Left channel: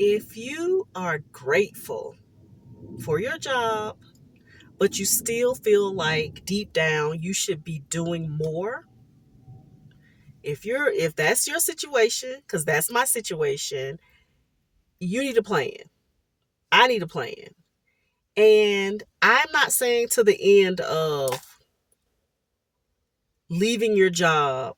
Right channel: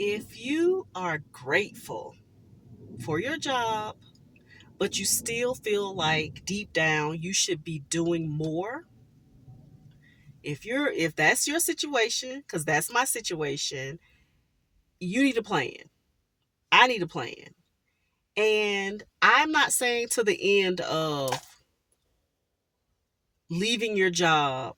If you are grateful for your job, but you still feel like deep down you should be doing more, if that's your situation, because that's my situation, you need a plan. I need a plan. And I'm not saying to the end of leaving your job,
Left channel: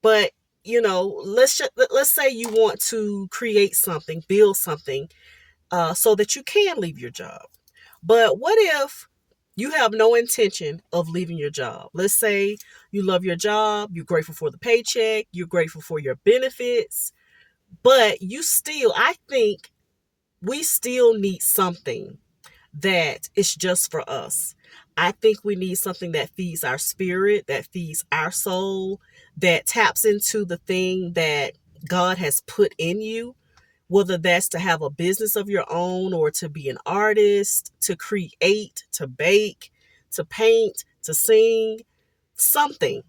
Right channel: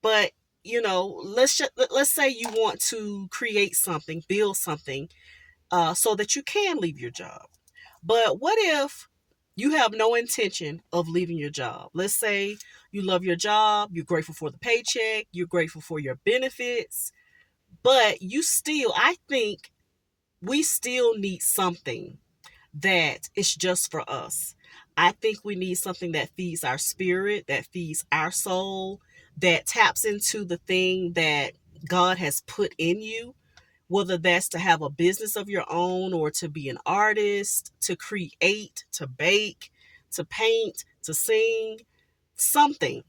but let's say you want to create something, build something, so that you can leave your job. But what if you have no intention of leaving your job? Let's say you love your job, you're grateful for the paycheck, you're grateful for your benefits, but I think we still need something that is just for us. I think we need something that feeds our spirit, that feeds our soul, that taps into the thing that God has put in you, whether that's to have a business of your own or to be an artist, to create, to bake, to paint, to sing, something.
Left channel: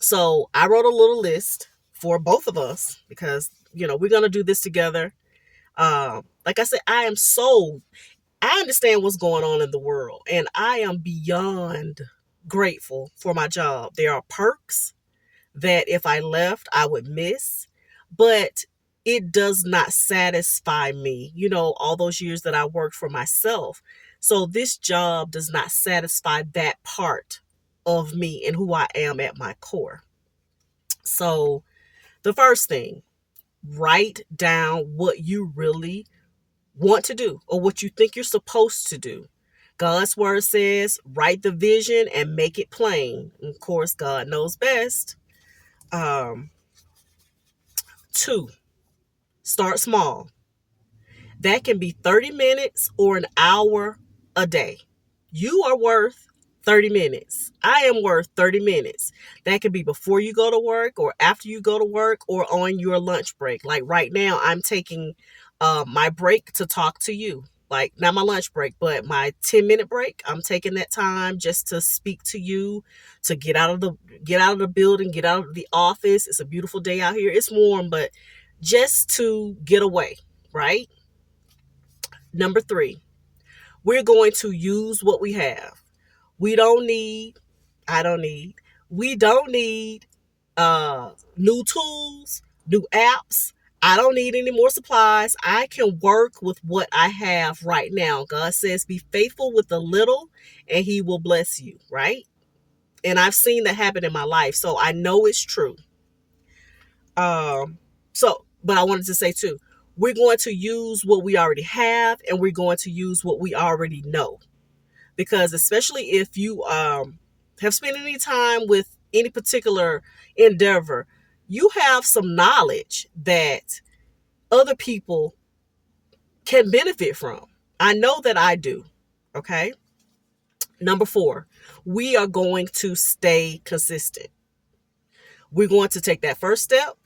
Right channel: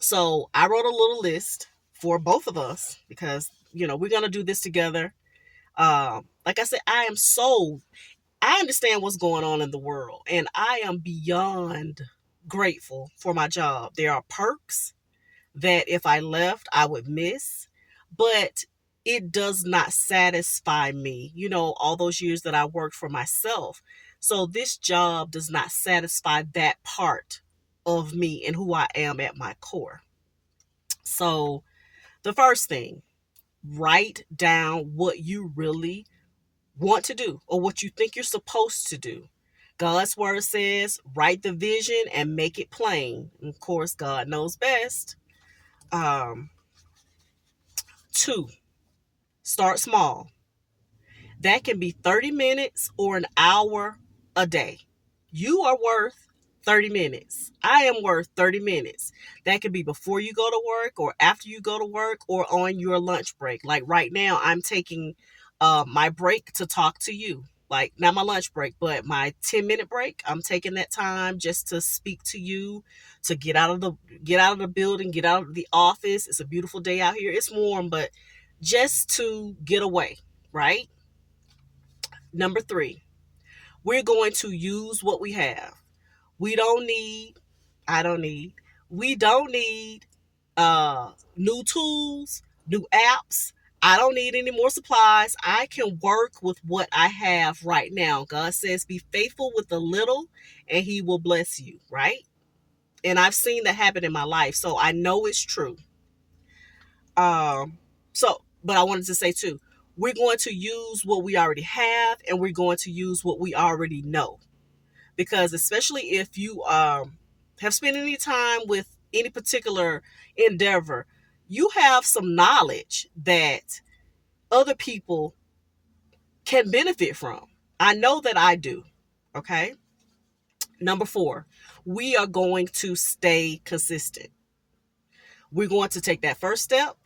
So I wrote a little list for both of us because, we're going to do this together. Like I said, I understand what's going on in the world, and I am beyond grateful for my job. There are perks that if I left, I would miss, but it does not satisfy me, all those years that I worked for myself. So this job does not satisfy that part of me and who I am at my core. So the first thing, write down what you really want to do or what you think you're supposed to do. God's word says, write the vision and make it plain. And of course, God knows best. Um, Two, start small. That can be 30 minutes or an hour a day. You are worth 30 minutes. I am worth 30 minutes. That could be before you go to work or after you go to work or on your lunch break. Like right now, I'm taking my break to talk to you. Like not my lunch break, but my 10-minute break. I'm taking that time just to speak to you, to get out of the building, get out of the office. It's a beautiful day out here. It's warm, but just to get away, right? Number three, we're going to use what we have. We don't need, I don't need, we don't need new tools, new apps. I don't need any more supplies. I can work with what I have right now. God says, be faithful with the little and he will bless you, right? And I've seen that happen in my life. So I know it's true. But I wanted to say too, we're going to use what we already have and we're going to use what we already know. Because especially if you have spent any time with any particular endeavor, you have some knowledge that other people can benefit from. I know that I do. Okay. Number four, we are going to stay consistent. We're going to take that first step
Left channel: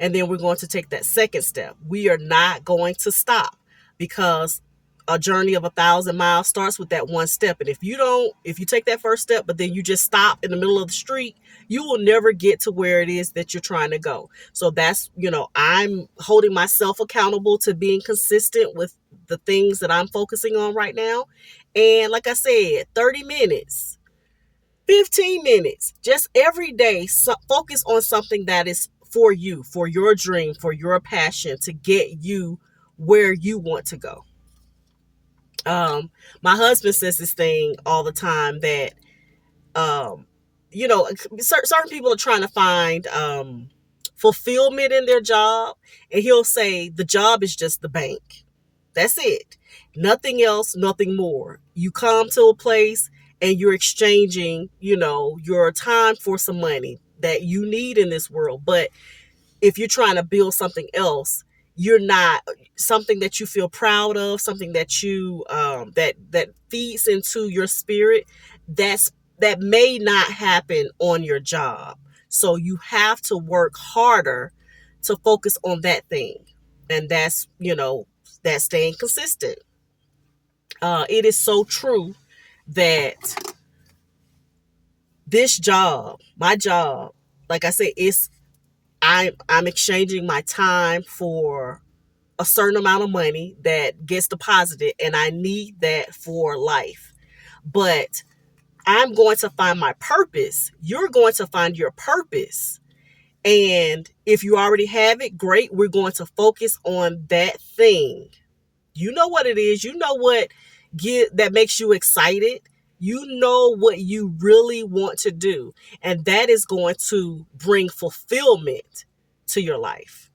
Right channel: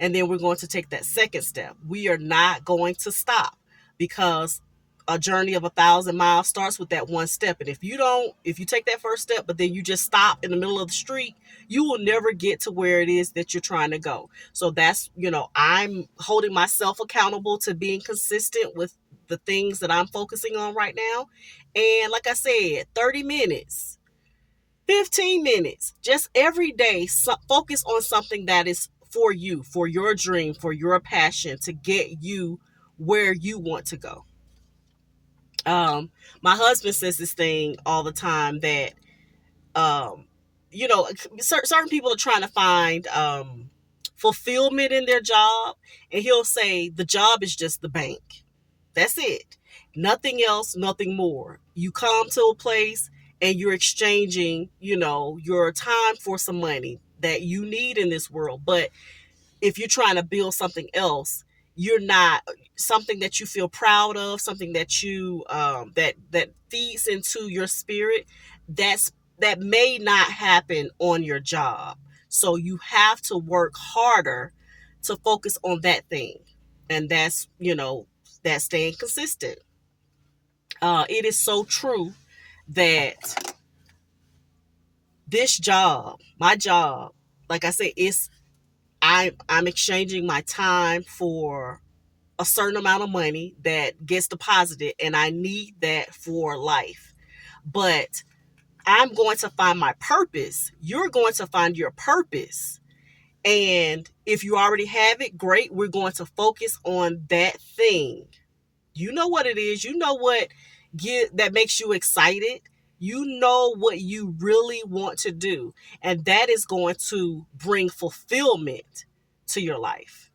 and then we're going to take that second step. We are not going to stop because a journey of 1,000 miles starts with that one step. And if you take that first step, but then you just stop in the middle of the street, you will never get to where it is that you're trying to go. So that's, I'm holding myself accountable to being consistent with the things that I'm focusing on right now. And like I said, 30 minutes, 15 minutes, just every day, focus on something that is for you, for your dream, for your passion to get you where you want to go. My husband says this thing all the time that, um, certain people are trying to find fulfillment in their job, and he'll say the job is just the bank. That's it. Nothing else, nothing more. You come to a place and you're exchanging, your time for some money that you need in this world. But if you're trying to build something else, you're not something that you feel proud of, something that you that feeds into your spirit. That may not happen on your job. So you have to work harder to focus on that thing, and that's staying consistent. It is so true that this job, my job, like I said, I'm exchanging my time for a certain amount of money that gets deposited, and I need that for life. But I'm going to find my purpose. You're going to find your purpose. And if you already have it, great. We're going to focus on that thing. You know what it is. You know what that makes you excited. You know what you really want to do. And that is going to bring fulfillment to your life.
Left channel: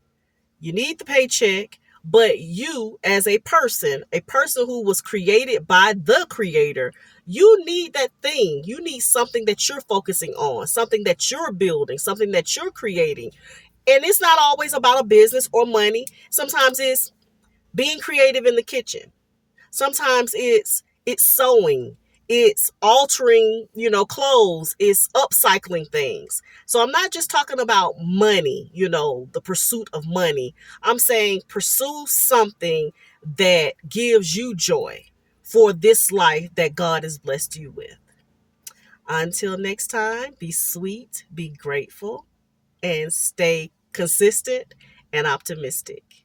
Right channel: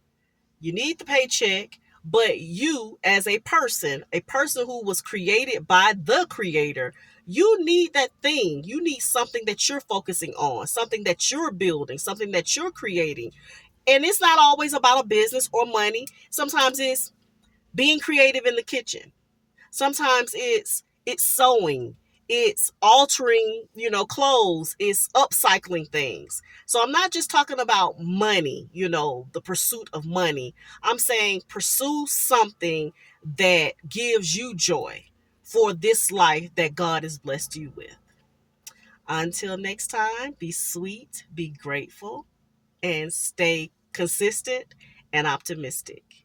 You need the paycheck, but you, as a person who was created by the creator, you need that thing. You need something that you're focusing on, something that you're building, something that you're creating. And it's not always about a business or money. Sometimes it's being creative in the kitchen. Sometimes it's sewing, it's altering, clothes, it's upcycling things. So I'm not just talking about money, the pursuit of money. I'm saying pursue something that gives you joy for this life that God has blessed you with. Until next time, be sweet, be grateful, and stay consistent and optimistic.